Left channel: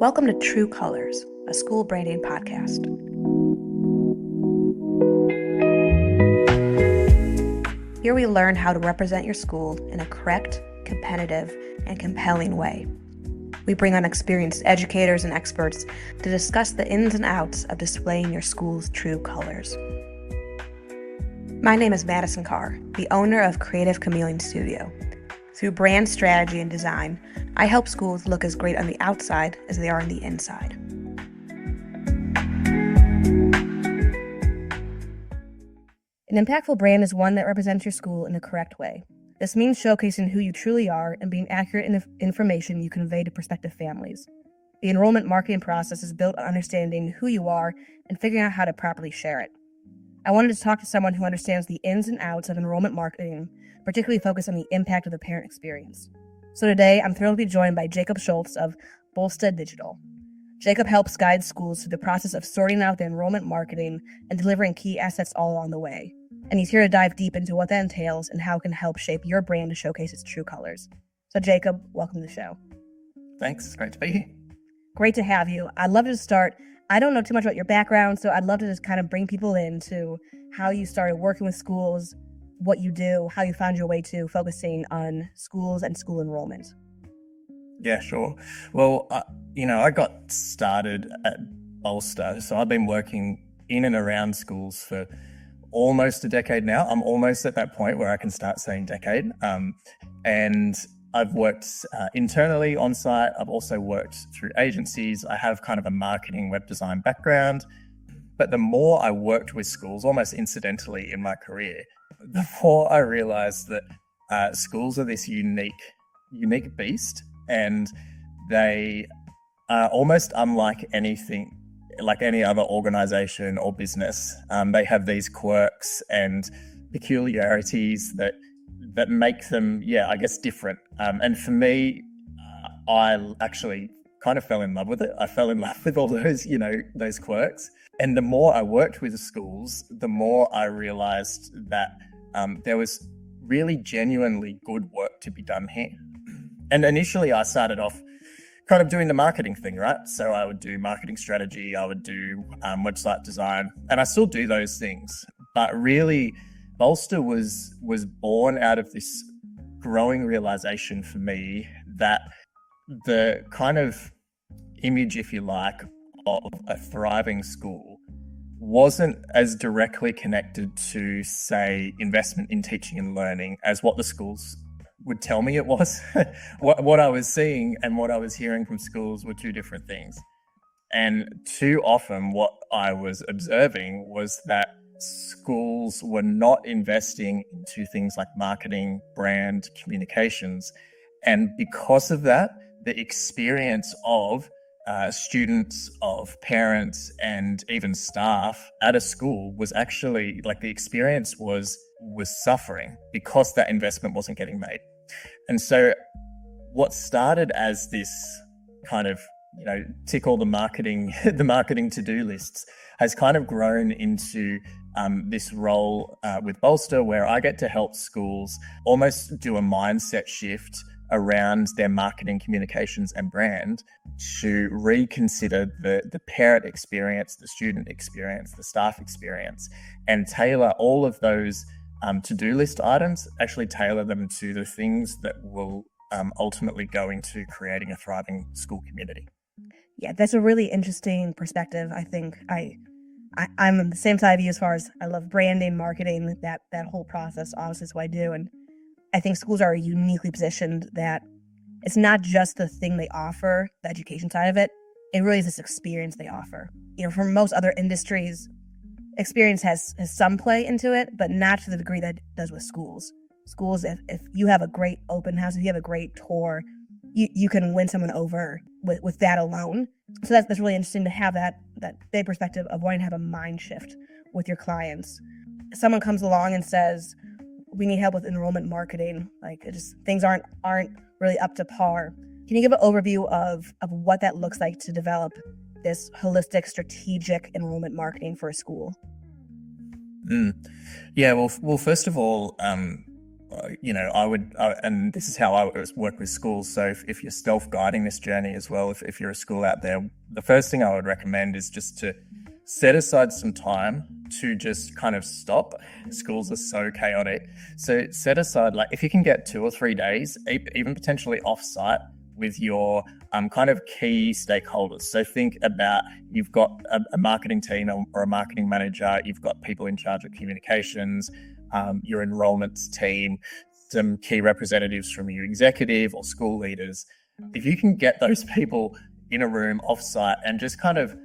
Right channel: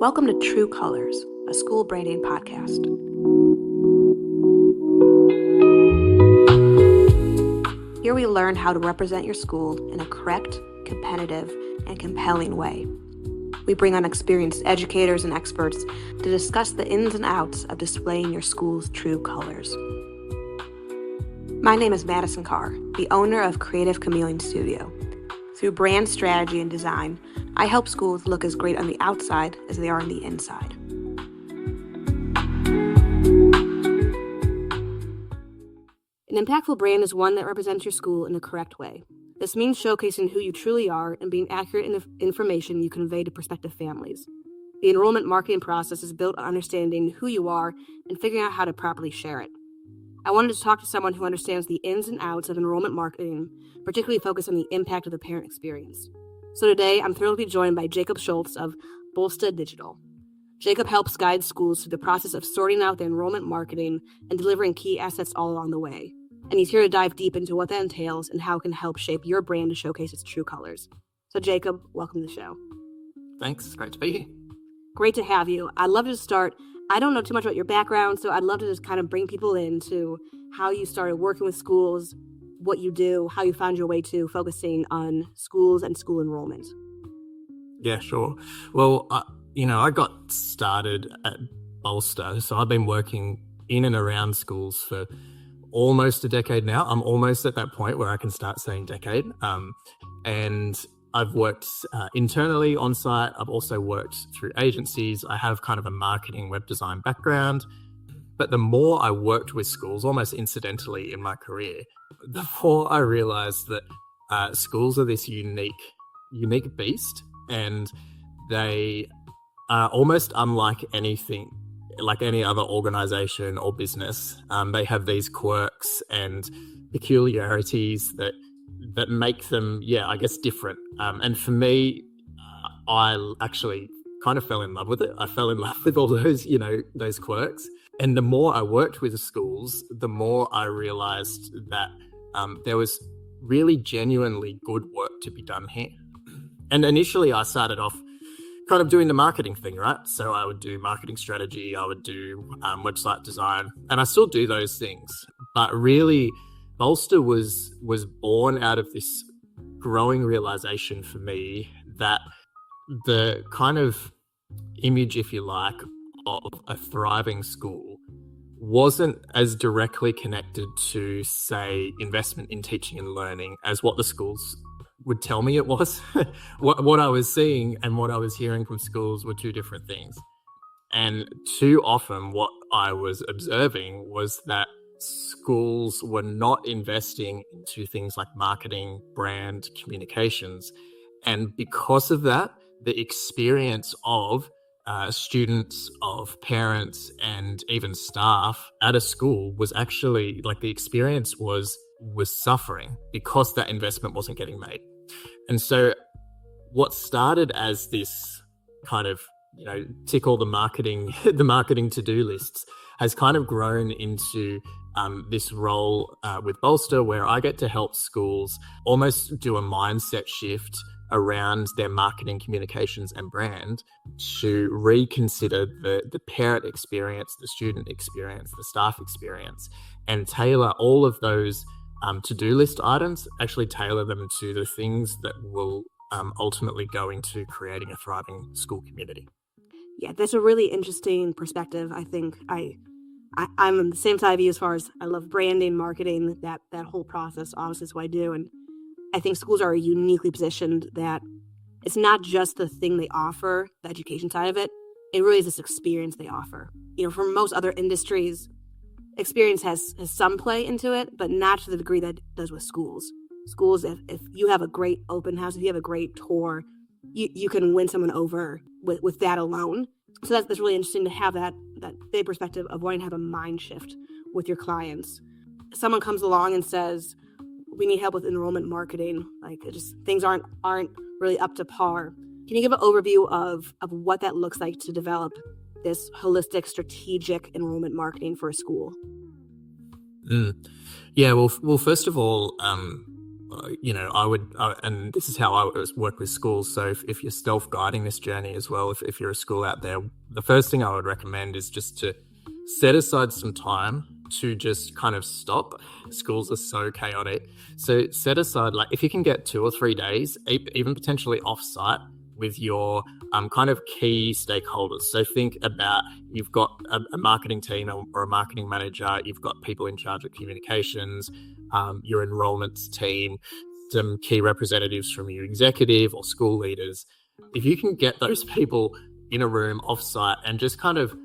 Welcome to True Colors, a school branding podcast. Here we learn how to represent your school in a correct, competitive, and compelling way. We bring on experienced educators and experts to discuss the ins and outs of displaying your school's true colors. My name is Madison Carr, the owner of Creative Chameleon Studio. Through brand strategy and design, I help schools look as great on the outside as they are on the inside. An impactful brand is one that represents your school in the correct way. This means showcasing who you truly are and being accurate in the information you convey to prospective families. The enrollment marketing process is built on understanding who you are and figuring out how to properly share it. I wanted to talk to someone who understands the ins and outs of enrollment marketing, particularly focused on the impact of the parent experience. So today, I'm thrilled to be joined by Jacob Shultz of Bolsta Digital. Jacob helps guide schools through the process of sorting out their enrollment marketing and delivering key assets all along the way. And he's here to dive deep into what that entails and how it can help shape your brand to showcase its true colors. So Jacob, welcome to the show. Thanks. Great to be here. Great to have you. I'd love to start. I don't know too much about your background, so I'd love to just kind of bring people into how you started working with schools, what you do, how you found your way to focusing on schools and school enrollment. Yeah, sure. Well, I got started at Bolsta, so I've been working in and around schools for almost a decade now. I'm almost at that point where I can start saying decade. And I've worked internally on site. I've also worked through agencies. I have kind of a marketing web design background. But the more I worked with schools, almost incidentally in my career, the more I realized that schools are this unique beast, and they are almost unlike anything, like any other organization or business. They have these quirks and peculiarities that make them, I guess, different. And for me, I actually kind of fell in love with it. I fell in love with all those, those quirks. And the more I worked with the schools, the more I realized that there was really genuinely good work to be done here. And initially I started off kind of doing the marketing thing, right? So I would do marketing strategy, I would do website design, and I still do those things. But really, Bolsta was born out of this growing realization for me that the kind of image, if you like, of a thriving school wasn't as directly connected to, say, investment in teaching and learning as what the schools would tell me it was. What I was seeing and what I was hearing from schools were two different things. And too often what I was observing was that schools were not investing into things like marketing, brand, communications. And because of that, the experience of students, of parents, and even staff at a school was actually, like, the experience was suffering because that investment wasn't getting made. And so what started as this kind of, tick all the marketing to-do lists has kind of grown into this role with Bolsta, where I get to help schools almost do a mindset shift around their marketing, communications, and brand to reconsider the parent experience, the student experience, the staff experience, and tailor all of those to-do list items, actually tailor them to the things that will ultimately go into creating a thriving school community. Yeah, that's a really interesting perspective. I think I'm on the same side of you as far as I love branding, marketing, that whole process. Obviously, is what I do. And I think schools are uniquely positioned that it's not just the thing they offer, the education side of it. It really is this experience they offer. For most other industries, experience has some play into it, but not to the degree that it does with schools. Schools, if you have a great open house, if you have a great tour, you can win someone over with that alone. So that's really interesting to have that big perspective of wanting to have a mind shift with your clients. Someone comes along and says, we need help with enrollment marketing. Like, things aren't really up to par. Can you give an overview of what that looks like to develop this holistic, strategic enrollment marketing for a school? Yeah, well, first of all, I would, and this is how I work with schools. So if you're self-guiding this journey as well, if you're a school out there, the first thing I would recommend is just to set aside some time to just kind of stop. Schools are so chaotic. So set aside, like if you can get 2 or 3 days, even potentially off-site with your kind of key stakeholders. So think about, you've got a marketing team or a marketing manager, you've got people in charge of communications, your enrollment team, some key representatives from your executive or school leaders. If you can get those people in a room off-site and just kind of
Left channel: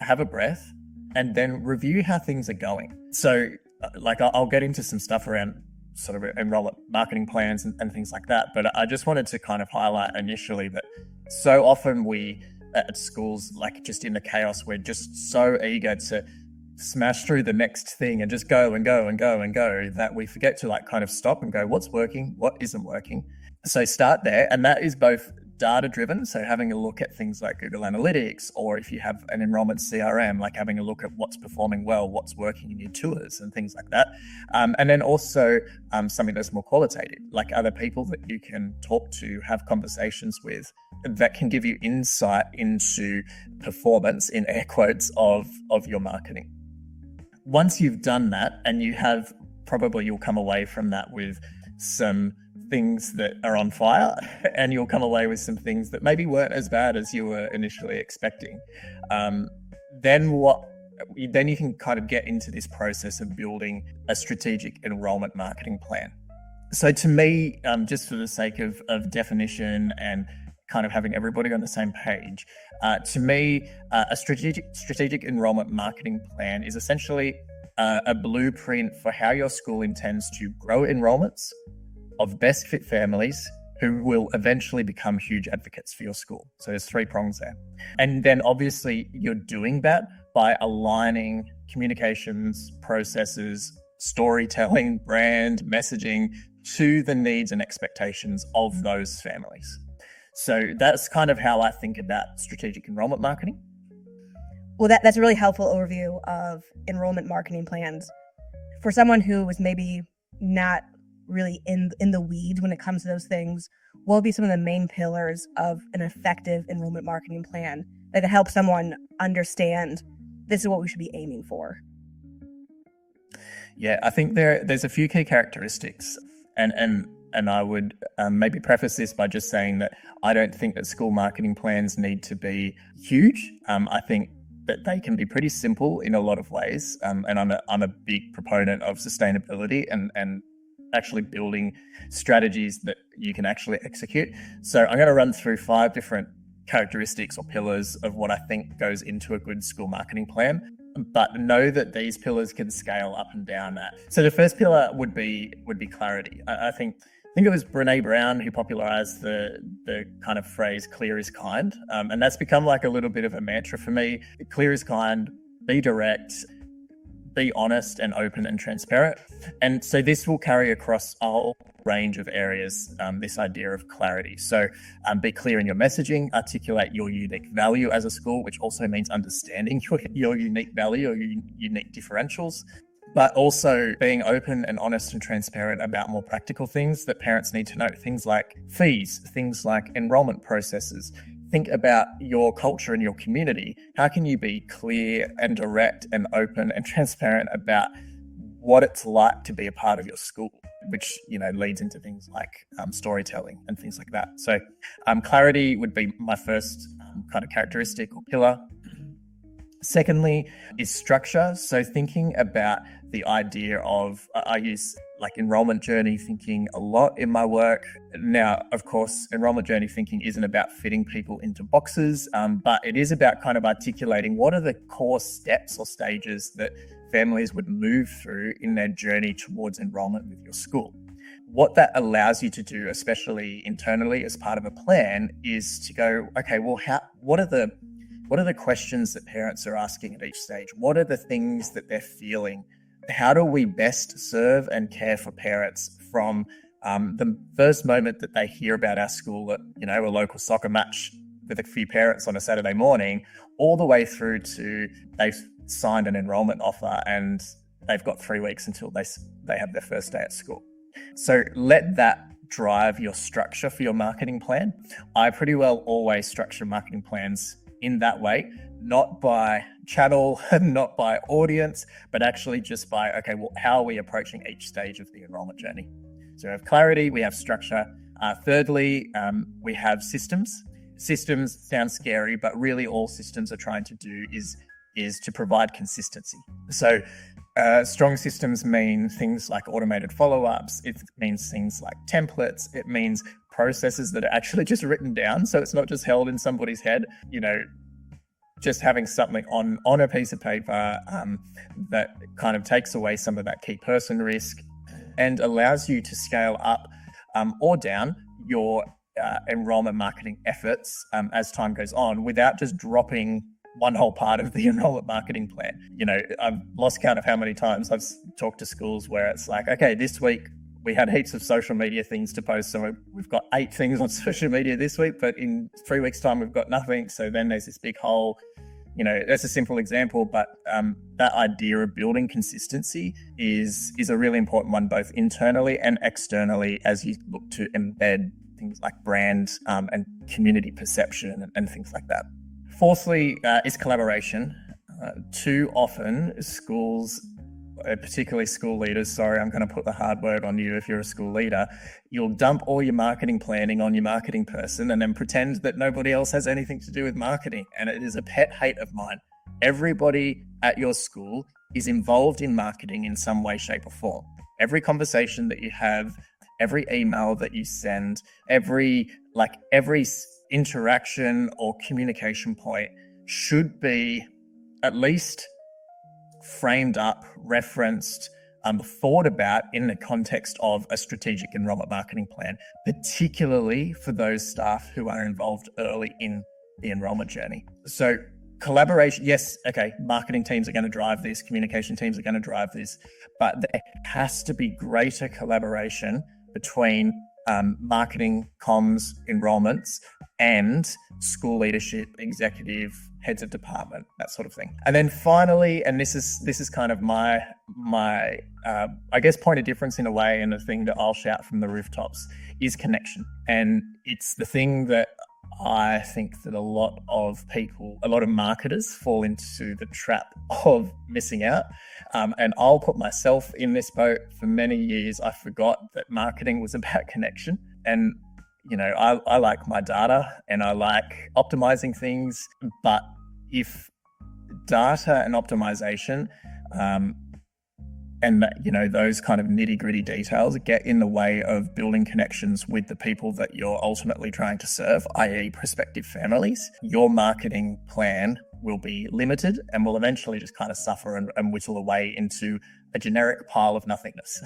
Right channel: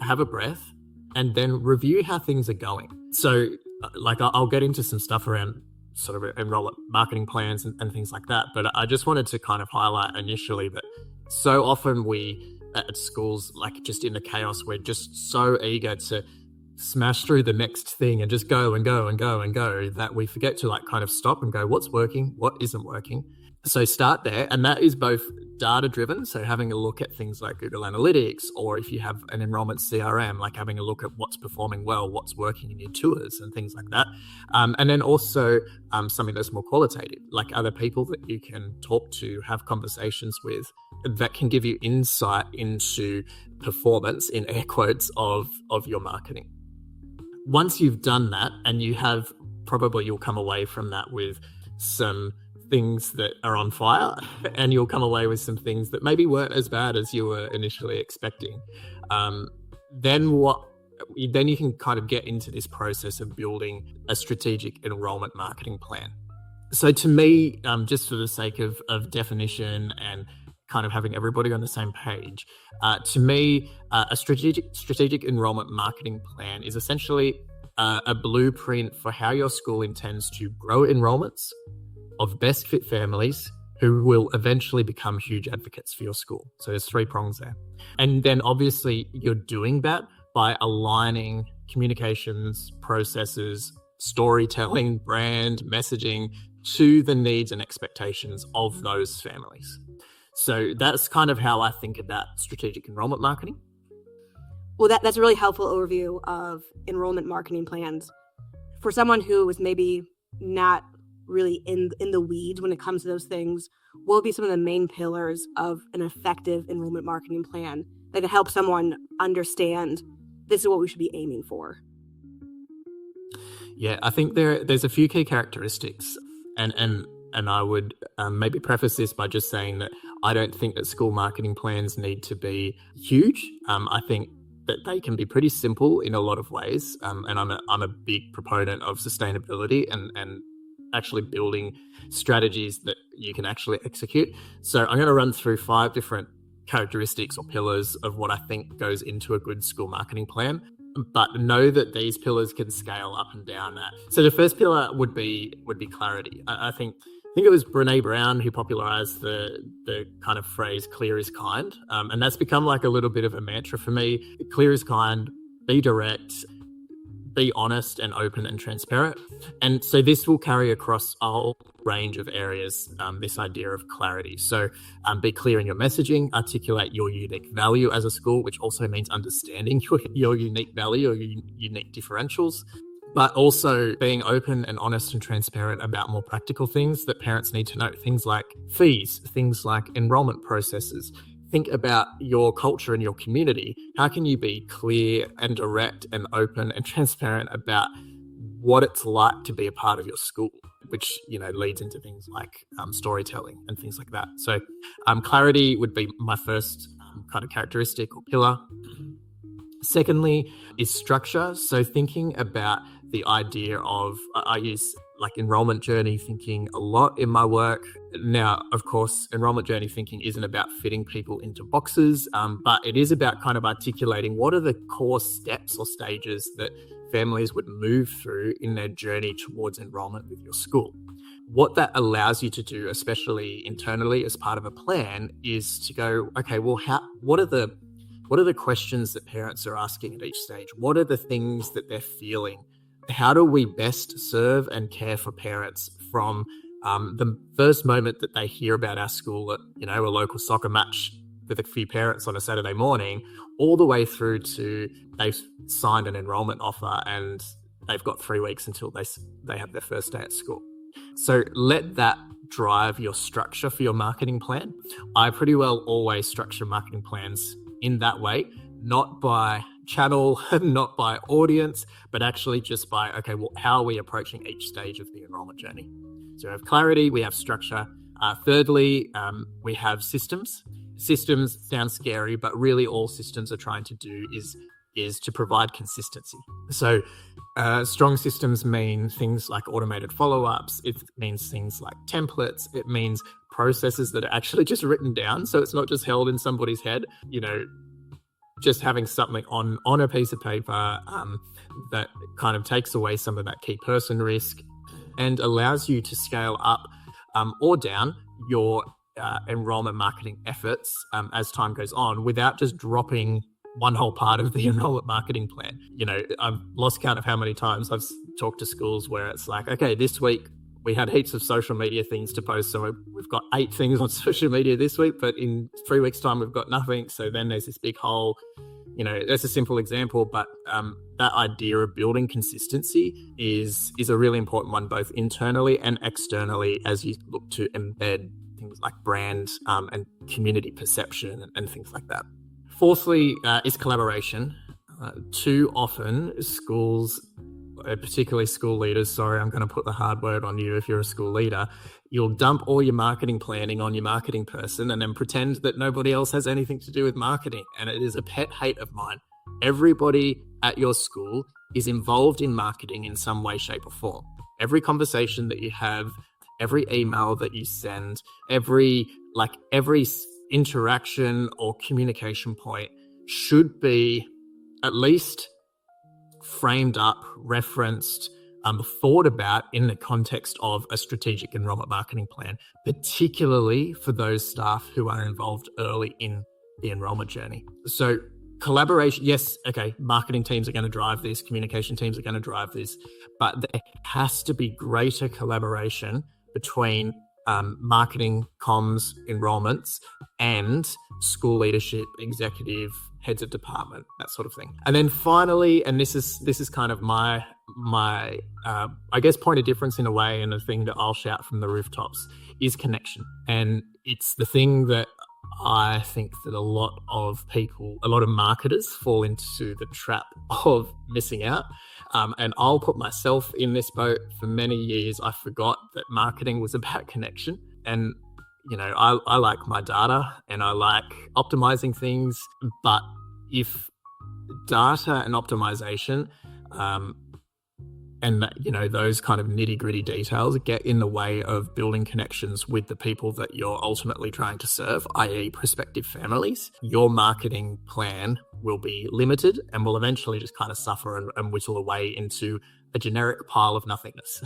have a breath and then review how things are going. So like I'll get into some stuff around sort of enrollment marketing plans and things like that. But I just wanted to kind of highlight initially that so often we at schools, like just in the chaos, we're just so eager to smash through the next thing and just go and go and go and go that we forget to like kind of stop and go, what's working, what isn't working. So start there. And that is both data driven. So having a look at things like Google Analytics, or if you have an enrollment CRM, like having a look at what's performing well, what's working in your tours and things like that. And then also something that's more qualitative, like other people that you can talk to, have conversations with that can give you insight into performance, in air quotes, of your marketing. Once you've done that, and you have, probably you'll come away from that with some things that are on fire, and you'll come away with some things that maybe weren't as bad as you were initially expecting. Then you can kind of get into this process of building a strategic enrollment marketing plan. So to me, just for the sake of definition and kind of having everybody on the same page, to me, a strategic enrollment marketing plan is essentially a blueprint for how your school intends to grow enrollments of best fit families who will eventually become huge advocates for your school. So there's 3 prongs there. And then obviously you're doing that by aligning communications, processes, storytelling, brand, messaging to the needs and expectations of those families. So that's kind of how I think about strategic enrollment marketing. Well, that's a really helpful overview of enrollment marketing plans. For someone who is maybe not really in the weeds when it comes to those things, what will be some of the main pillars of an effective enrollment marketing plan that help someone understand this is what we should be aiming for? Yeah, I think there's a few key characteristics, and I would maybe preface this by just saying that I don't think that school marketing plans need to be huge. I think that they can be pretty simple in a lot of ways, and I'm a big proponent of sustainability and actually building strategies that you can actually execute. So I'm going to run through 5 different characteristics or pillars of what I think goes into a good school marketing plan, but know that these pillars can scale up and down. So the first pillar would be clarity. I think it was Brene Brown who popularized the kind of phrase "clear is kind," and that's become like a little bit of a mantra for me. Clear is kind. Be direct. Be honest and open and transparent. And so this will carry across a whole range of areas, this idea of clarity. So be clear in your messaging, articulate your unique value as a school, which also means understanding your unique value or your unique differentials, but also being open and honest and transparent about more practical things that parents need to know, things like fees, things like enrollment processes. Think about your culture and your community. How can you be clear and direct and open and transparent about what it's like to be a part of your school, which, leads into things like storytelling and things like that. So clarity would be my first kind of characteristic or pillar. Secondly is structure. So thinking about the idea of, I use like enrollment journey thinking a lot in my work. Now, of course, enrollment journey thinking isn't about fitting people into boxes, but it is about kind of articulating what are the core steps or stages that families would move through in their journey towards enrollment with your school. What that allows you to do, especially internally as part of a plan, is to go, okay, well, what are the questions that parents are asking at each stage? What are the things that they're feeling? How do we best serve and care for parents from the first moment that they hear about our school at, a local soccer match with a few parents on a Saturday morning, all the way through to they've signed an enrollment offer and they've got 3 weeks until they have their first day at school. So let that drive your structure for your marketing plan. I pretty well always structure marketing plans in that way, not by channel, not by audience, but actually just by, okay, well, how are we approaching each stage of the enrollment journey? So we have clarity, we have structure. Thirdly, we have systems. Systems sound scary, but really all systems are trying to do is to provide consistency. So strong systems mean things like automated follow-ups. It means things like templates. It means processes that are actually just written down. So it's not just held in somebody's head, just having something on a piece of paper that kind of takes away some of that key person risk and allows you to scale up or down your enrollment marketing efforts as time goes on without just dropping one whole part of the enrollment marketing plan. I've lost count of how many times I've talked to schools where it's like, okay, this week we had heaps of social media things to post. So we've got 8 things on social media this week, but in 3 weeks' time, we've got nothing. So then there's this big hole. That's a simple example, but that idea of building consistency is a really important one, both internally and externally, as you look to embed things like brand and community perception and things like that. Fourthly is collaboration. Too often schools, particularly school leaders, sorry, I'm going to put the hard word on you if you're a school leader, you'll dump all your marketing planning on your marketing person and then pretend that nobody else has anything to do with marketing. And it is a pet hate of mine. Everybody at your school is involved in marketing in some way, shape, or form. Every conversation that you have, every email that you send, every interaction or communication point should be at least framed up, referenced, thought about in the context of a strategic enrollment marketing plan, particularly for those staff who are involved early in the enrollment journey. So collaboration, yes, okay, marketing teams are going to drive this, communication teams are going to drive this, but there has to be greater collaboration between marketing, comms, enrollments, and school leadership, executive, heads of department, that sort of thing. And then finally, and this is kind of my I guess point of difference in a way, and the thing that I'll shout from the rooftops is connection. And it's the thing that I think that a lot of marketers fall into the trap of missing out. And I'll put myself in this boat. For many years, I forgot that marketing was about connection. And, I like my data and I like optimizing things. But if data and optimization and those kind of nitty-gritty details get in the way of building connections with the people that you're ultimately trying to serve, i.e. prospective families, your marketing plan will be limited and will eventually just kind of suffer and whittle away into a generic pile of nothingness.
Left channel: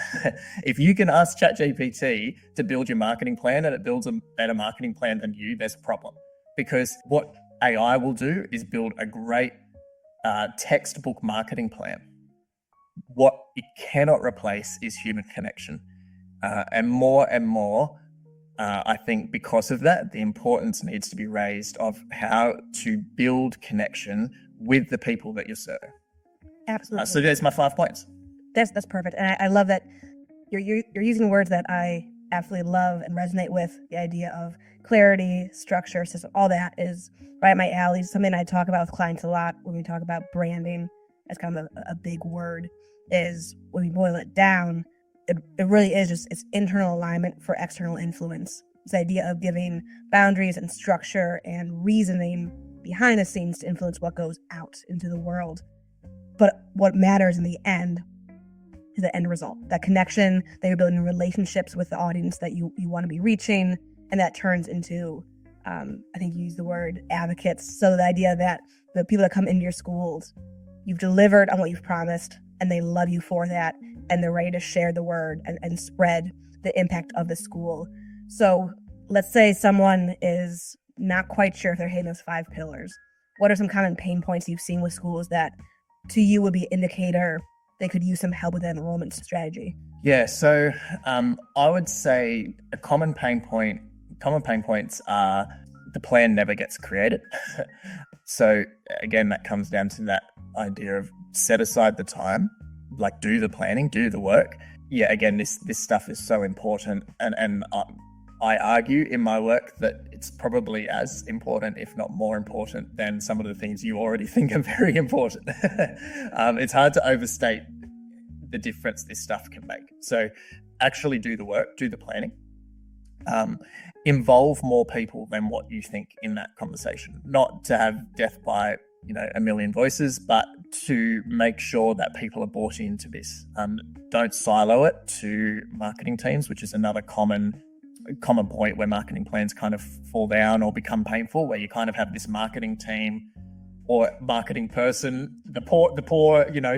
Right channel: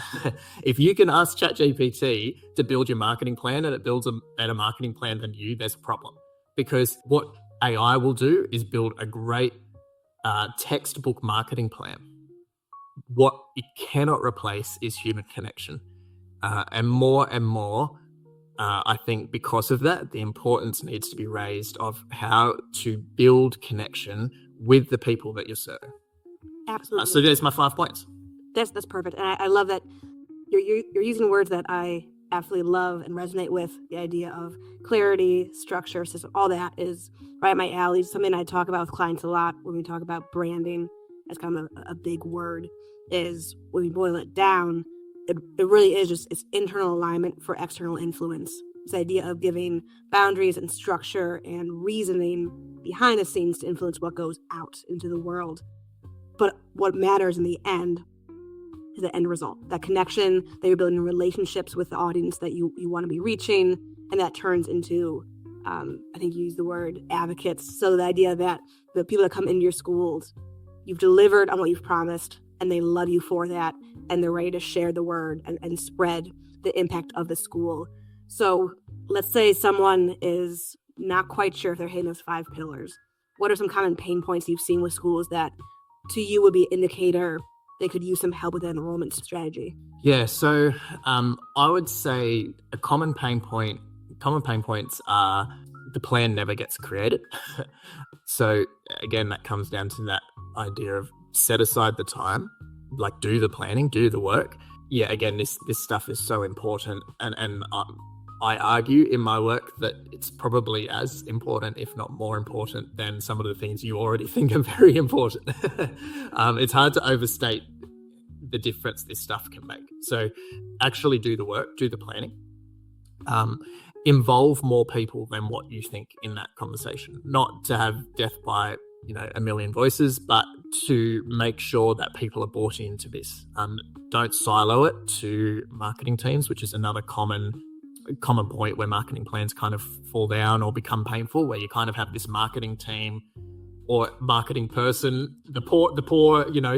If you can ask ChatGPT to build your marketing plan and it builds a better marketing plan than you, there's a problem. Because what AI will do is build a great textbook marketing plan. What it cannot replace is human connection. And more, I think because of that, the importance needs to be raised of how to build connection with the people that you're serving. Absolutely. So there's my 5 points. That's perfect. And I love that you're using words that I absolutely love and resonate with. The idea of clarity, structure, system, all that is right up my alley. Something I talk about with clients a lot when we talk about branding as kind of a big word, is when we boil it down, it really is just it's internal alignment for external influence. This idea of giving boundaries and structure and reasoning behind the scenes to influence what goes out into the world. But what matters in the end is the end result, that connection that you're building, relationships with the audience that you want to be reaching. And that turns into, I think you used the word advocates. So the idea that the people that come into your schools, you've delivered on what you've promised and they love you for that. And they're ready to share the word and spread the impact of the school. So let's say someone is not quite sure if they're hitting those 5 pillars. What are some common pain points you've seen with schools that to you would be an indicator they could use some help with an enrollment strategy? Yeah, so I would say a common pain points are the plan never gets created. So again, that comes down to that idea of set aside the time, like do the planning, do the work. yeah, again, this stuff is so important, and I argue in my work that it's probably as important, if not more important, than some of the things you already think are very important. It's hard to overstate the difference this stuff can make. So actually do the work, do the planning, involve more people than what you think in that conversation. Not to have death by a million voices, but to make sure that people are bought into this. Don't silo it to marketing teams, which is another common point where marketing plans kind of fall down or become painful, where you kind of have this marketing team or marketing person, the poor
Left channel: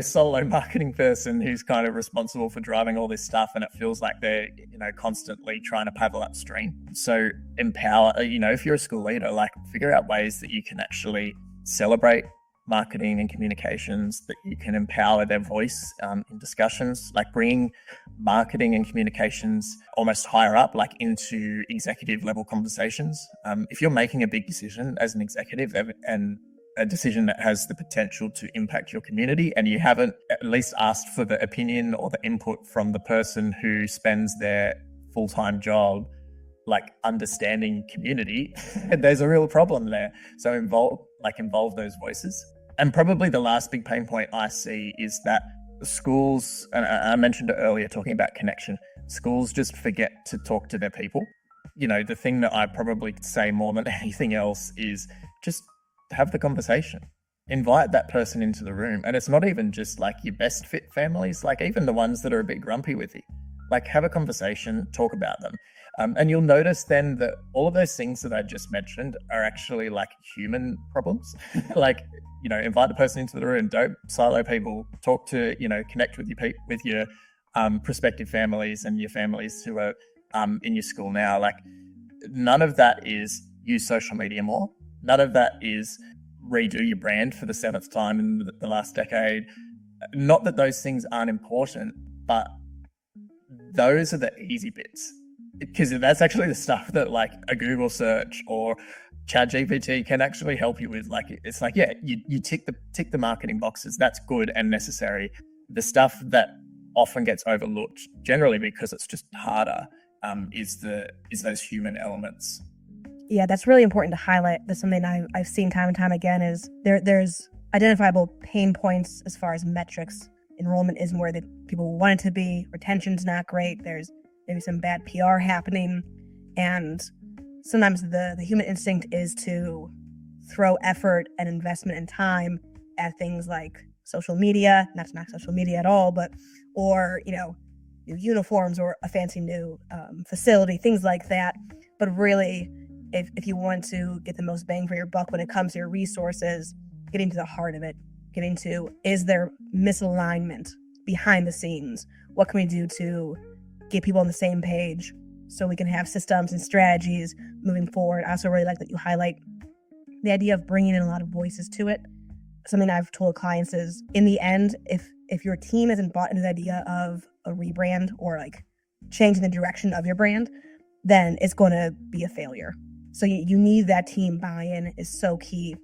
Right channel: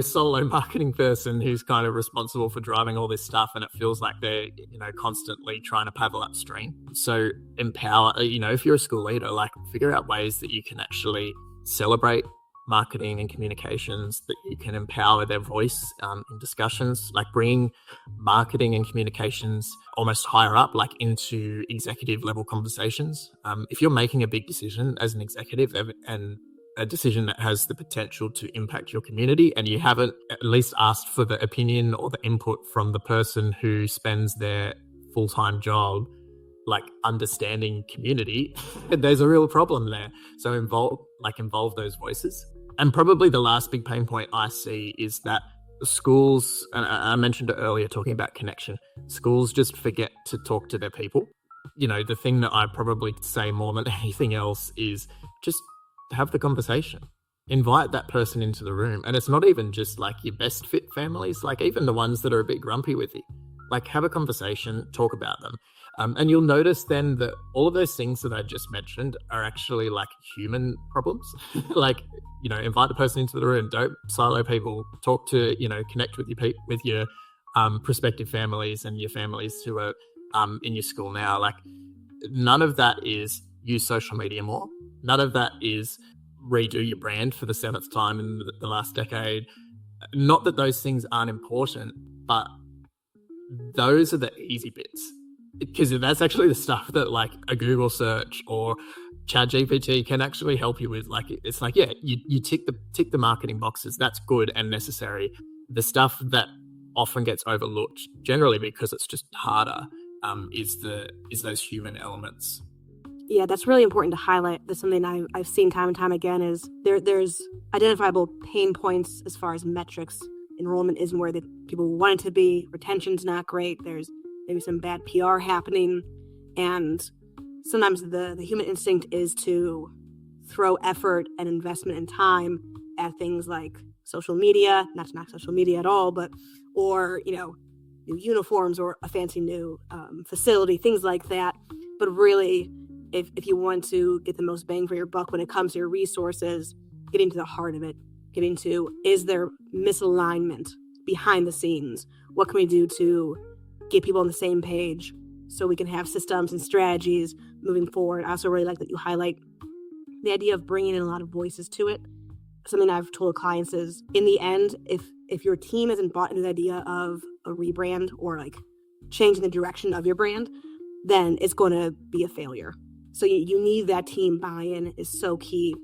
solo marketing person who's kind of responsible for driving all this stuff, and it feels like they're constantly trying to paddle upstream. So empower, if you're a school leader, like figure out ways that you can actually celebrate marketing and communications, that you can empower their voice in discussions, like bring marketing and communications almost higher up, like into executive level conversations. If you're making a big decision as an executive and a decision that has the potential to impact your community, and you haven't at least asked for the opinion or the input from the person who spends their full-time job like understanding community, there's a real problem there. So involve those voices. And probably the last big pain point I see is that schools, and I mentioned it earlier talking about connection, schools just forget to talk to their people. The thing that I probably say more than anything else is just have the conversation. Invite that person into the room. And it's not even just like your best fit families, like even the ones that are a bit grumpy with you. Like have a conversation, talk about them. And you'll notice then that all of those things that I just mentioned are actually like human problems. Like, invite the person into the room, don't silo people, talk to, connect with your prospective families and your families who are in your school now. Like none of that is use social media more. None of that is redo your brand for the 7th time in the last decade. Not that those things aren't important, but those are the easy bits. Because that's actually the stuff that like a Google search or ChatGPT can actually help you with. Like, it's like, yeah, you tick the marketing boxes. That's good and necessary. The stuff that often gets overlooked, generally because it's just harder, is those human elements. Yeah, that's really important to highlight. That's something I've seen time and time again is there's identifiable pain points as far as metrics. Enrollment isn't where the people want it to be. Retention's not great. There's maybe some bad PR happening. And sometimes the human instinct is to throw effort and investment and time at things like social media, not to knock social media at all, or new uniforms or a fancy new facility, things like that. But really, if you want to get the most bang for your buck when it comes to your resources, getting to the heart of it, getting to, is there misalignment behind the scenes? What can we do to get people on the same page so we can have systems and strategies moving forward? I also really like that you highlight the idea of bringing in a lot of voices to it. Something I've told clients is, in the end, if your team isn't bought into the idea of a rebrand or like changing the direction of your brand, then it's going to be a failure. So you need that team buy-in is so key.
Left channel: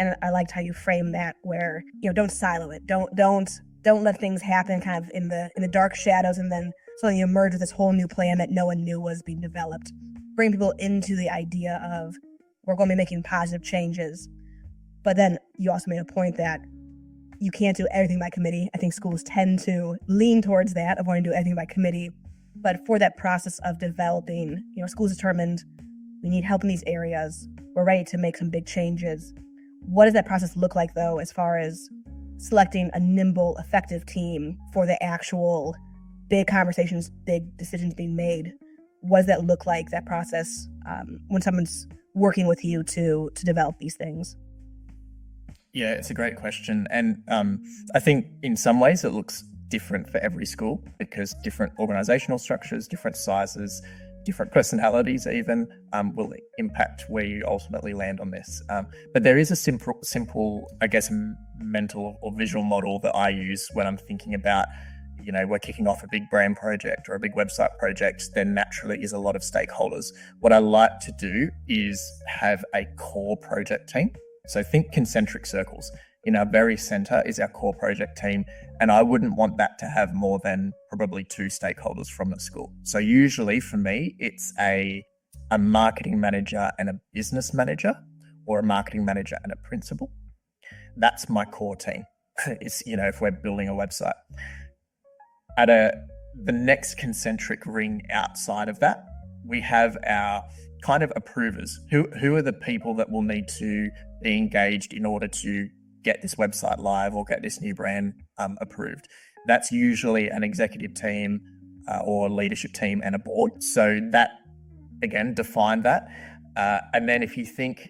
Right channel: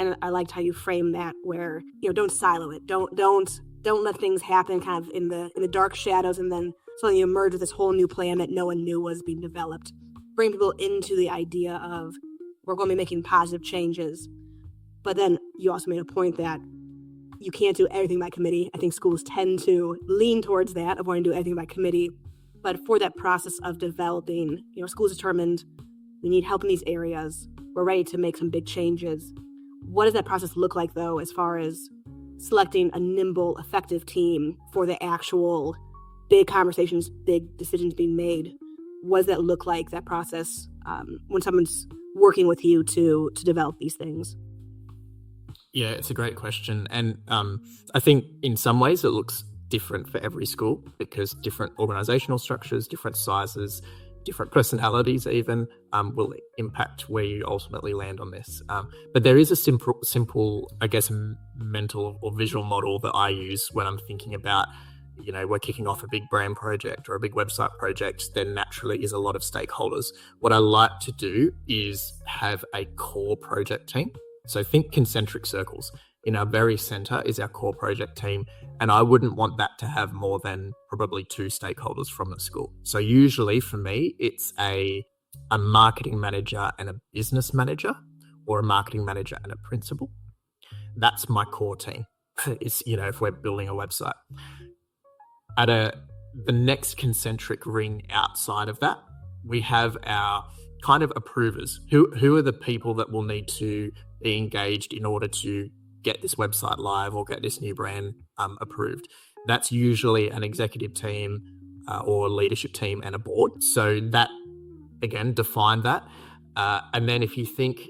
And I liked how you frame that, where don't silo it, don't let things happen kind of in the dark shadows, and then suddenly you emerge with this whole new plan that no one knew was being developed. Bring people into the idea of, we're going to be making positive changes. But then you also made a point that you can't do everything by committee. I think schools tend to lean towards that, of wanting to do everything by committee. But for that process of developing, schools determined we need help in these areas, we're ready to make some big changes. What does that process look like, though, as far as selecting a nimble, effective team for the actual big conversations, big decisions being made? What does that look like, that process, when someone's working with you to develop these things? Yeah, it's a great question. And I think in some ways it looks different for every school, because different organizational structures, different sizes, different personalities even will impact where you ultimately land on this. But there is a simple, I guess, mental or visual model that I use when I'm thinking about, we're kicking off a big brand project or a big website project. There naturally is a lot of stakeholders. What I like to do is have a core project team. So think concentric circles. in our very center is our core project team. And I wouldn't want that to have more than probably 2 stakeholders from the school. So usually for me, it's a marketing manager and a business manager, or a marketing manager and a principal. That's my core team. It's, if we're building a website. The next concentric ring outside of that, we have our kind of approvers. Who are the people that will need to be engaged in order to get this website live or get this new brand approved? That's usually an executive team or leadership team and a board. So that, again, define that. And then if you think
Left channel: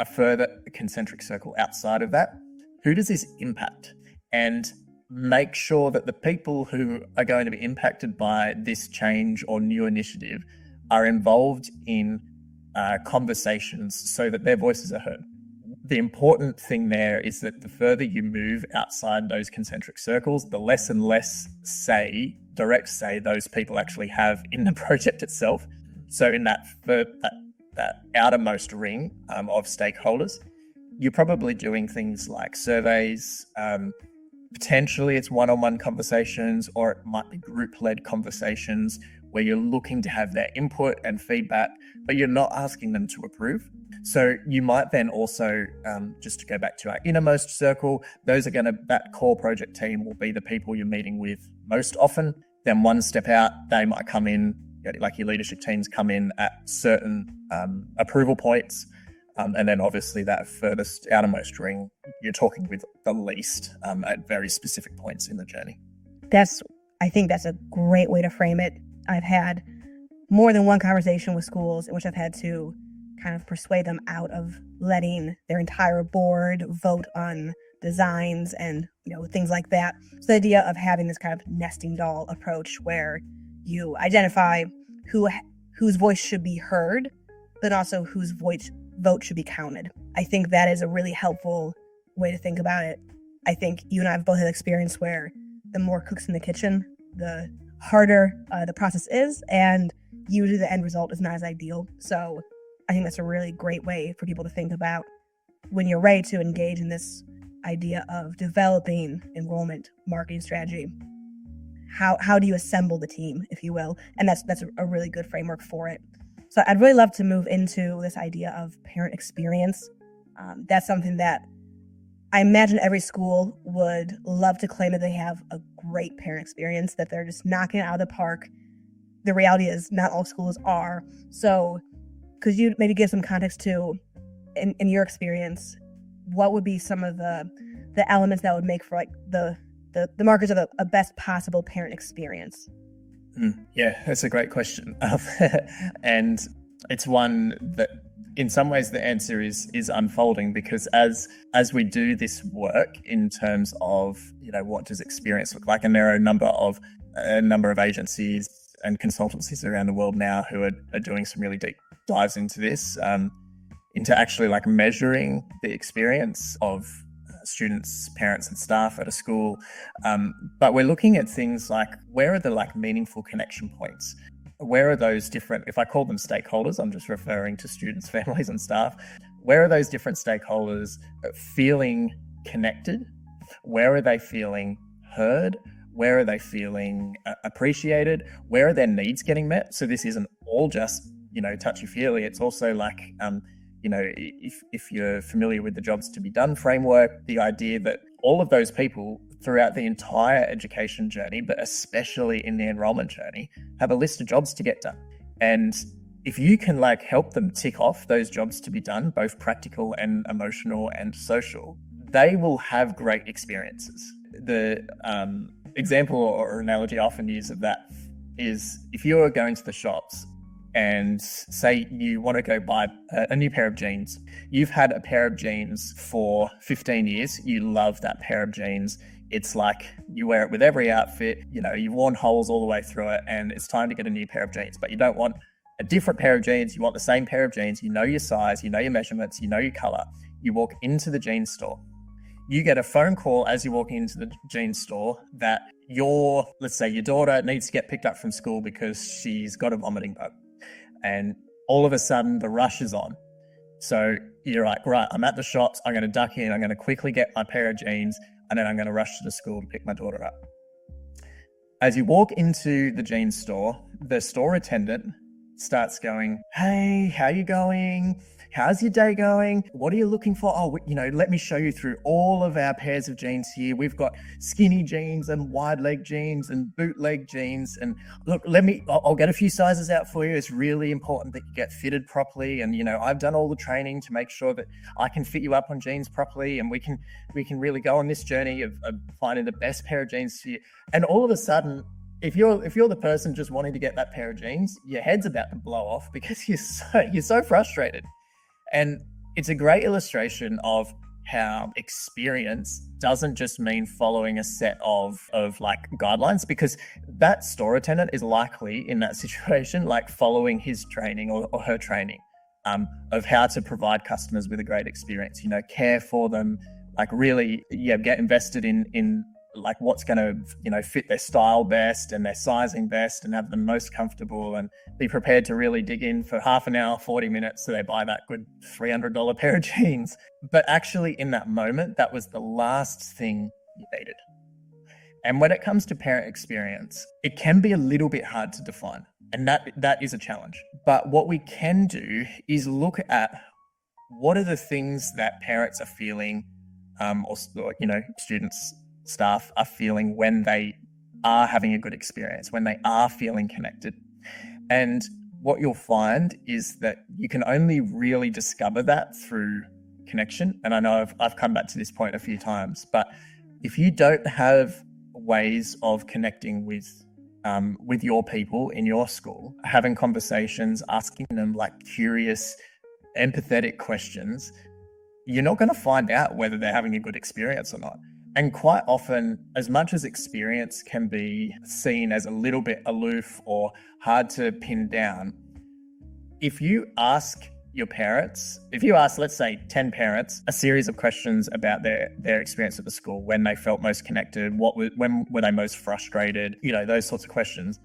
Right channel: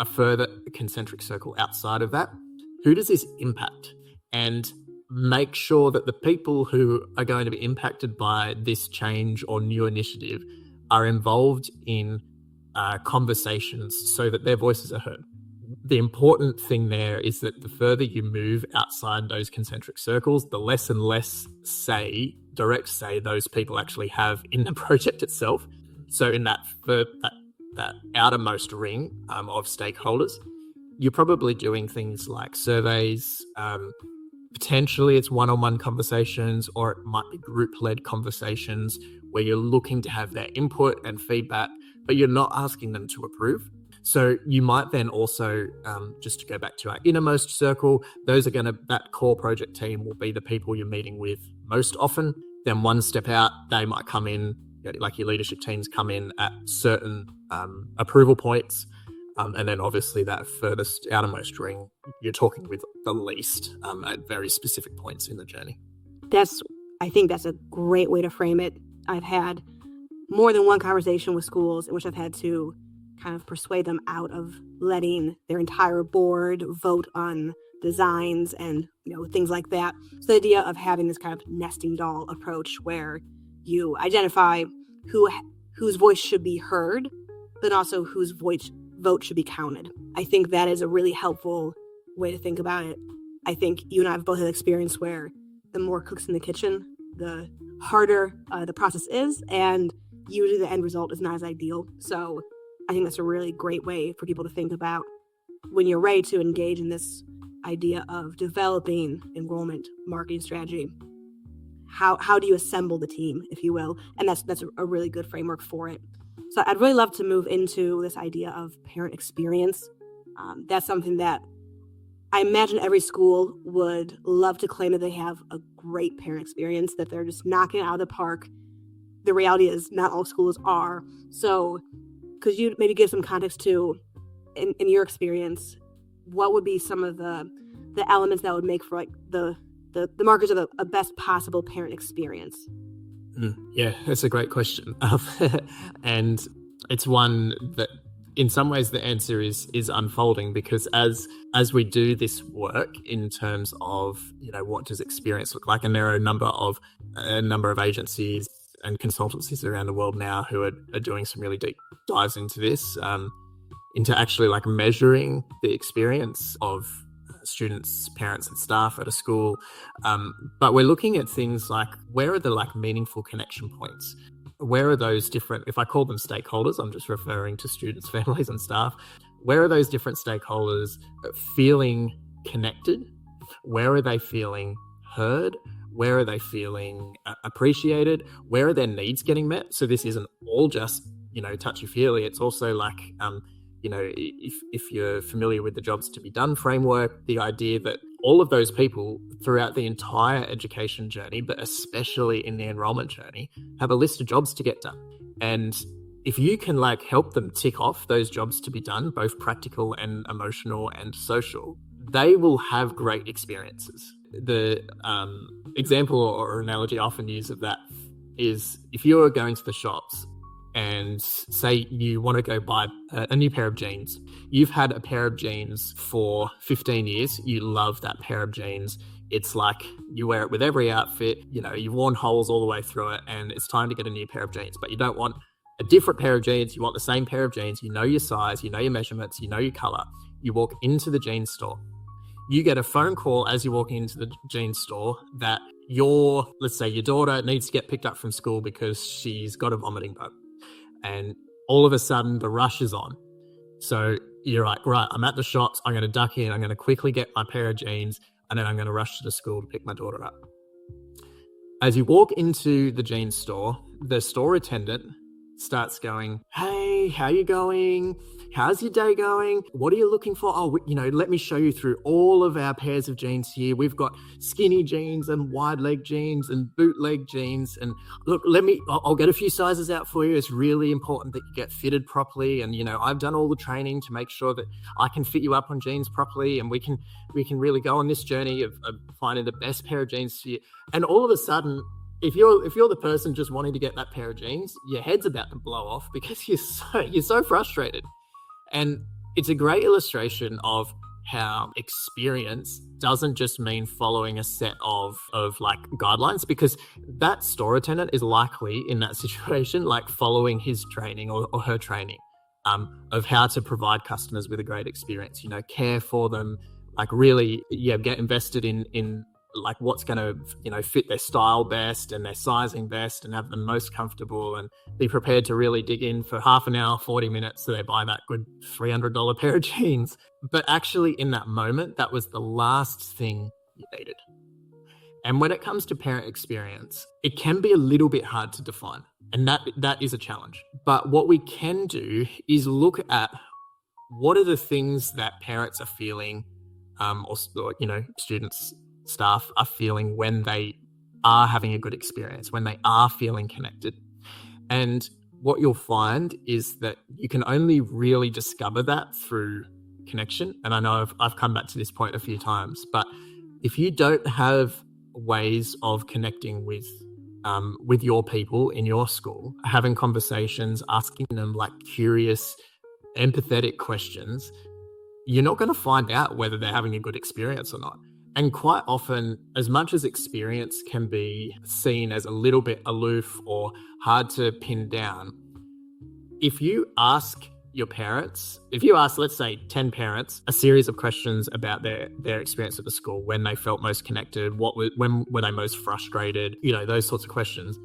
a further concentric circle outside of that, who does this impact? And make sure that the people who are going to be impacted by this change or new initiative are involved in conversations so that their voices are heard. The important thing there is that the further you move outside those concentric circles, the less and less direct say those people actually have in the project itself. So in that outermost ring of stakeholders, you're probably doing things like surveys. Potentially it's one-on-one conversations, or it might be group-led conversations where you're looking to have their input and feedback, but you're not asking them to approve. So you might then also, just to go back to our innermost circle, that core project team will be the people you're meeting with most often. Then one step out, they might come in, like your leadership teams come in at certain approval points. And then obviously that furthest outermost ring, you're talking with the least at very specific points in the journey. I think that's a great way to frame it. I've had more than one conversation with schools in which I've had to kind of persuade them out of letting their entire board vote on designs and things like that. So the idea of having this kind of nesting doll approach where you identify whose voice should be heard, but also whose vote should be counted. I think that is a really helpful way to think about it. I think you and I have both had experience where the more cooks in the kitchen, the harder the process is, and usually the end result is not as ideal. So I think that's a really great way for people to think about when you're ready to engage in this idea of developing enrollment marketing strategy. How do you assemble the team, if you will? And that's a really good framework for it. So I'd really love to move into this idea of parent experience. That's something that I imagine every school would love to claim that they have a great parent experience, that they're just knocking it out of the park. The reality is not all schools are. So could you maybe give some context to, in your experience, what would be some of the elements that would make for like the markers of a best possible parent experience? Yeah, that's a great question. And it's one that in some ways the answer is unfolding, because as we do this work in terms of, what does experience look like? And there are a number of agencies and consultancies around the world now who are doing some really deep dives into this, into actually like measuring the experience of students, parents and staff at a school. But we're looking at things like, where are the like meaningful connection points? Where are those different, if I call them stakeholders, I'm just referring to students, families and staff. Where are those different stakeholders feeling connected? Where are they feeling heard? Where are they feeling appreciated? Where are their needs getting met? So this isn't all just, touchy-feely. It's also like, if you're familiar with the Jobs to be Done framework, the idea that all of those people throughout the entire education journey, but especially in the enrollment journey, have a list of jobs to get done. And if you can like help them tick off those jobs to be done, both practical and emotional and social, they will have great experiences. The example or analogy I often use of that is, if you're going to the shops and say you want to go buy a new pair of jeans. You've had a pair of jeans for 15 years. You love that pair of jeans. It's like you wear it with every outfit. You've worn holes all the way through it, and it's time to get a new pair of jeans. But you don't want a different pair of jeans. You want the same pair of jeans. You know your size, you know your measurements, you know your color. You walk into the jeans store. You get a phone call as you're walking into the jeans store that let's say your daughter needs to get picked up from school because she's got a vomiting bug. And all of a sudden the rush is on So you're like, right, I'm at the shops. I'm going to duck in. I'm going to quickly get my pair of jeans, and then I'm going to rush to the school to pick my daughter up. As you walk into the jeans store, the store attendant starts going, hey, how you going? How's your day going? What are you looking for? Oh, let me show you through all of our pairs of jeans here. We've got skinny jeans and wide leg jeans and bootleg jeans. And look, I'll get a few sizes out for you. It's really important that you get fitted properly. And, I've done all the training to make sure that I can fit you up on jeans properly. And we can really go on this journey of finding the best pair of jeans for you. And all of a sudden, if you're the person just wanting to get that pair of jeans, your head's about to blow off because you're so frustrated. And it's a great illustration of how experience doesn't just mean following a set of like guidelines, because that store attendant is likely in that situation, like following his training or her training of how to provide customers with a great experience, care for them, like really, get invested in like what's going to, fit their style best and their sizing best and have them most comfortable, and be prepared to really dig in for half an hour, 40 minutes so they buy that good $300 pair of jeans. But actually in that moment, that was the last thing you needed. And when it comes to parent experience, it can be a little bit hard to define, and that is a challenge. But what we can do is look at what are the things that parents are feeling, or students, staff are feeling when they are having a good experience, when they are feeling connected. And what you'll find is that you can only really discover that through connection. And I know I've come back to this point a few times, but if you don't have ways of connecting with your people in your school, having conversations, asking them like curious, empathetic questions, you're not going to find out whether they're having a good experience or not. And quite often, as much as experience can be seen as a little bit aloof or hard to pin down, if you ask your parents, let's say 10 parents, a series of questions about their experience at the school, when they felt most connected, when were they most frustrated, those sorts of questions,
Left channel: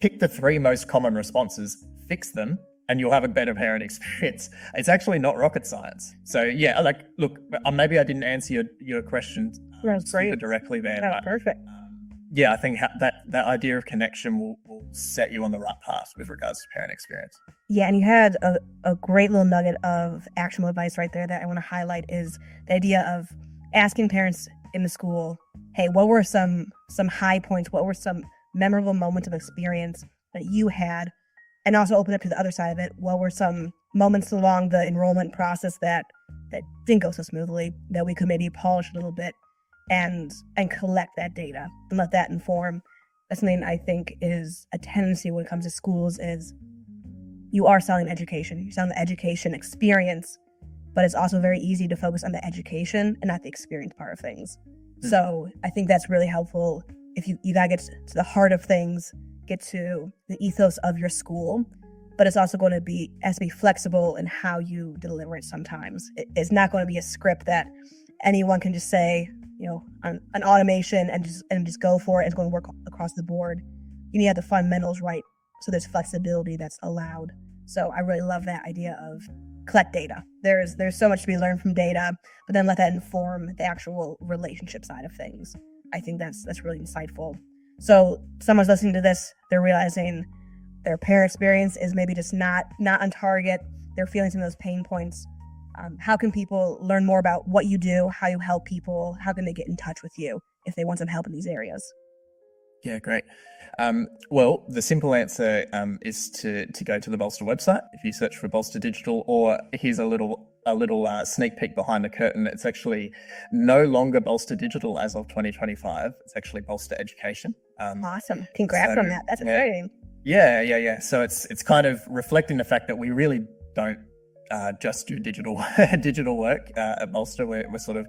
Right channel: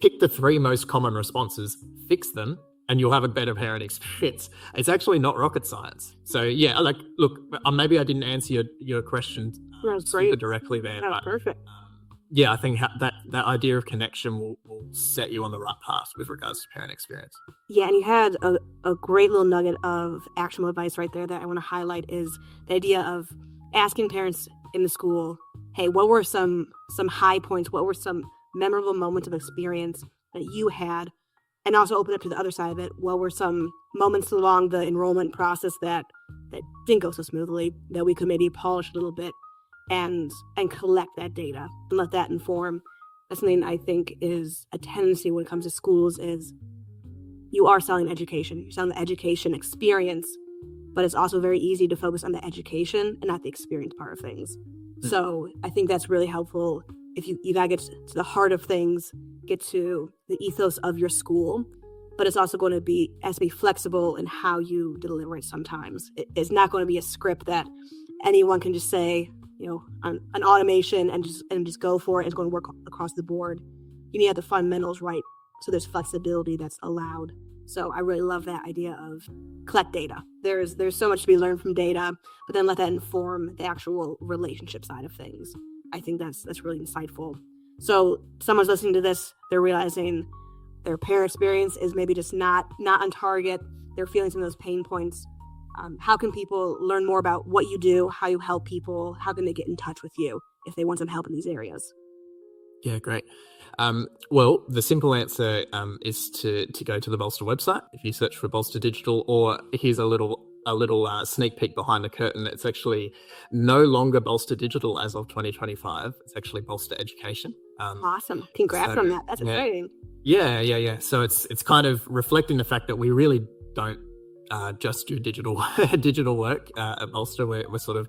pick the 3 most common responses, fix them, and you'll have a better parent experience. It's actually not rocket science. So look, maybe I didn't answer your question super directly there. That was perfect. I think that idea of connection will set you on the right path with regards to parent experience. Yeah, and you had a great little nugget of actionable advice right there that I want to highlight, is the idea of asking parents in the school, hey, what were some high points? What were some memorable moments of experience that you had? And also open up to the other side of it. What were some moments along the enrollment process that didn't go so smoothly, that we could maybe polish a little bit and collect that data and let that inform? That's something I think is a tendency when it comes to schools, is you are selling education. You're selling the education experience, but it's also very easy to focus on the education and not the experience part of things. So I think that's really helpful. If you gotta get to the heart of things, get to the ethos of your school, but it's also going to be flexible in how you deliver it. Sometimes it's not going to be a script that anyone can just say, an automation and just go for it. It's going to work across the board. You need to have the fundamentals right, so there's flexibility that's allowed. So I really love that idea of collect data. There's so much to be learned from data, but then let that inform the actual relationship side of things. I think that's really insightful. So someone's listening to this, they're realizing their parent experience is maybe just not on target. They're feeling some of those pain points. How can people learn more about what you do, how you help people? How can they get in touch with you if they want some help in these areas? Yeah, great. Well, the simple answer is to go to the Bolsta website. If you search for Bolsta Digital, or here's a little sneak peek behind the curtain. It's actually no longer Bolsta Digital as of 2025. It's actually Bolsta Education. Awesome. Congrats on that. That's exciting. Yeah. So it's kind of reflecting the fact that we really don't just do digital work at Bolsta. We're sort of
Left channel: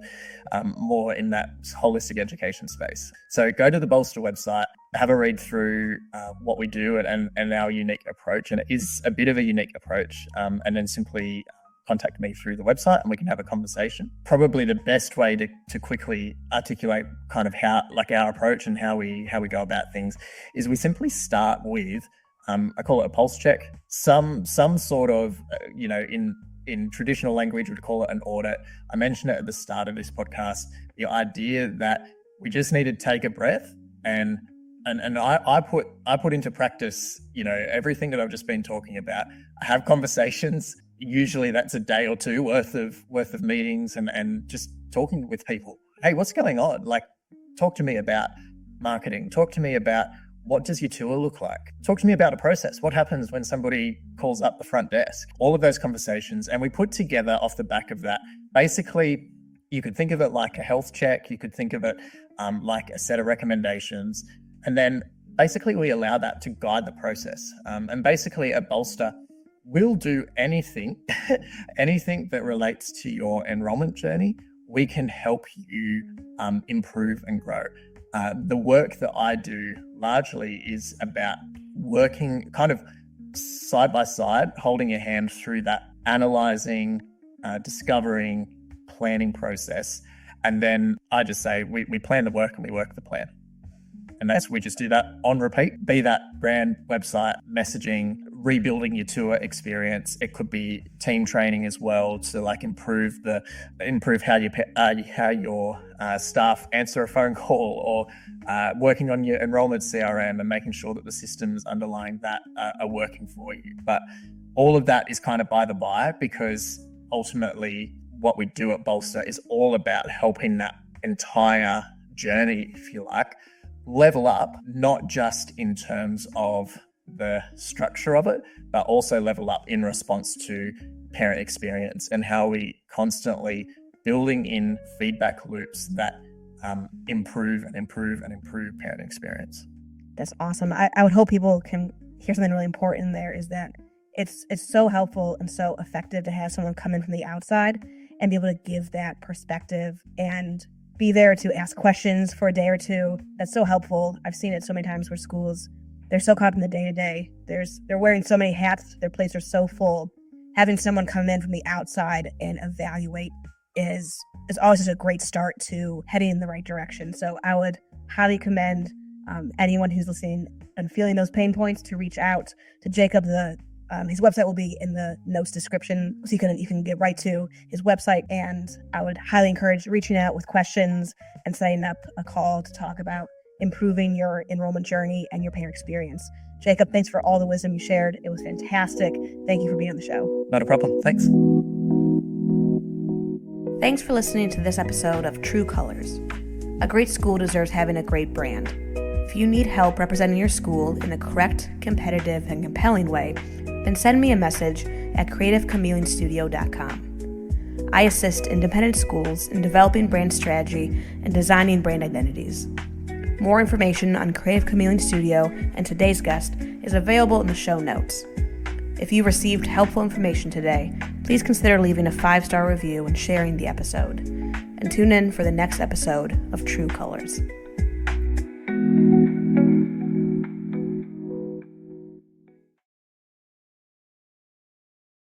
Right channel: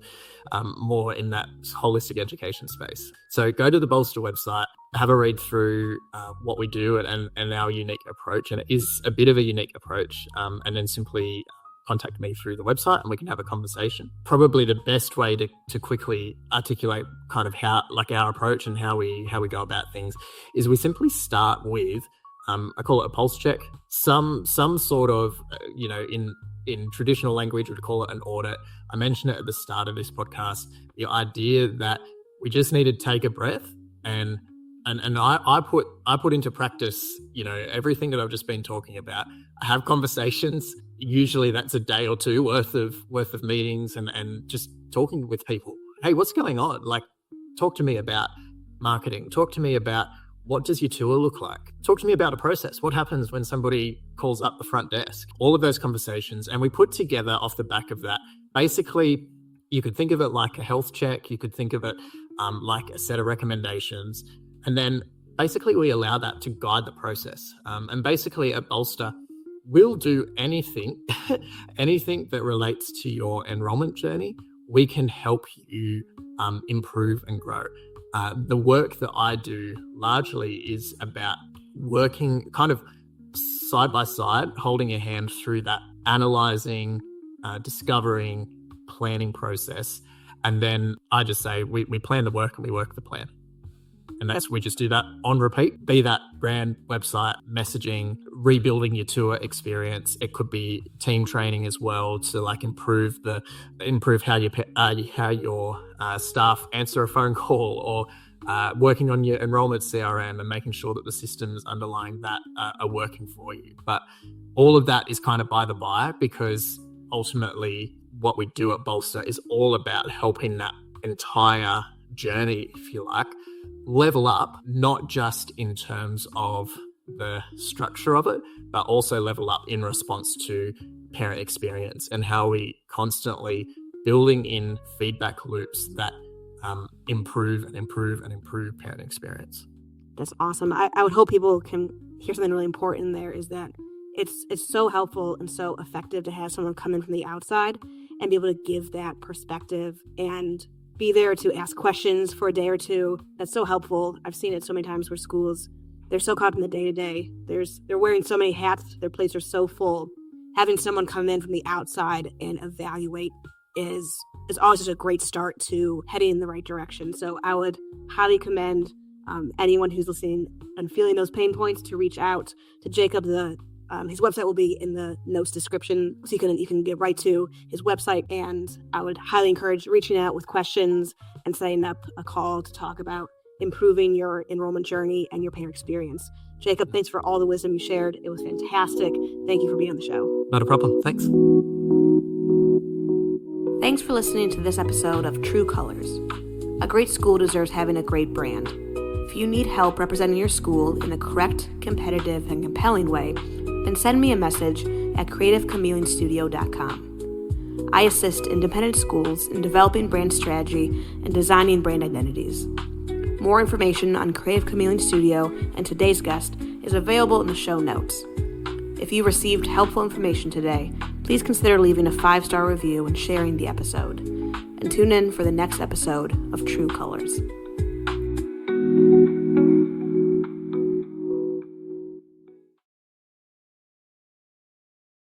more in that holistic education space. So go to the Bolsta website, have a read through what we do and our unique approach. And it is a bit of a unique approach. And then simply contact me through the website and we can have a conversation. Probably the best way to quickly articulate kind of how, like, our approach and how we go about things is we simply start with I call it a pulse check, some sort of, in in traditional language, we'd call it an audit. I mentioned it at the start of this podcast, the idea that we just need to take a breath and I put into practice, everything that I've just been talking about. I have conversations. Usually that's a day or two worth of meetings and just talking with people. Hey, what's going on? Like, talk to me about marketing. Talk to me about what does your tour look like? Talk to me about a process. What happens when somebody calls up the front desk? All of those conversations. And we put together off the back of that, basically, you could think of it like a health check. You could think of it like a set of recommendations. And then basically we allow that to guide the process. And basically at Bolsta, we'll do anything, anything that relates to your enrollment journey. We can help you improve and grow. The work that I do largely is about working kind of side by side, holding your hand through that analyzing, discovering, planning process. And then I just say, we plan the work and we work the plan. And we just do that on repeat, be that brand, website, messaging, rebuilding your tour experience. It could be team training as well to like improve how your staff answer a phone call, or working on your enrollment CRM and making sure that the systems underlying that are working for you. But all of that is kind of by the by, because ultimately what we do at Bolsta is all about helping that entire journey, if you like, level up, not just in terms of the structure of it, but also level up in response to parent experience and how we constantly building in feedback loops that improve and improve and improve parent experience. That's awesome. I would hope people can hear something really important there, is that it's so helpful and so effective to have someone come in from the outside and be able to give that perspective and be there to ask questions for a day or two. That's so helpful. I've seen it so many times where schools, they're so caught up in the day-to-day. They're wearing so many hats. Their plates are so full. Having someone come in from the outside and evaluate is always such a great start to heading in the right direction. So I would highly commend anyone who's listening and feeling those pain points to reach out to Jacob. His website will be in the notes description, so you can get right to his website. And I would highly encourage reaching out with questions and setting up a call to talk about improving your enrollment journey and your parent experience. Jacob, thanks for all the wisdom you shared. It was fantastic. Thank you for being on the show. Not a problem. Thanks. Thanks for listening to this episode of True Colors. A great school deserves having a great brand. If you need help representing your school in a correct, competitive, and compelling way, then send me a message at creativechameleonstudio.com. I assist independent schools in developing brand strategy and designing brand identities. More information on Creative Chameleon Studio and today's guest is available in the show notes. If you received helpful information today, please consider leaving a 5-star review and sharing the episode. And tune in for the next episode of True Colors.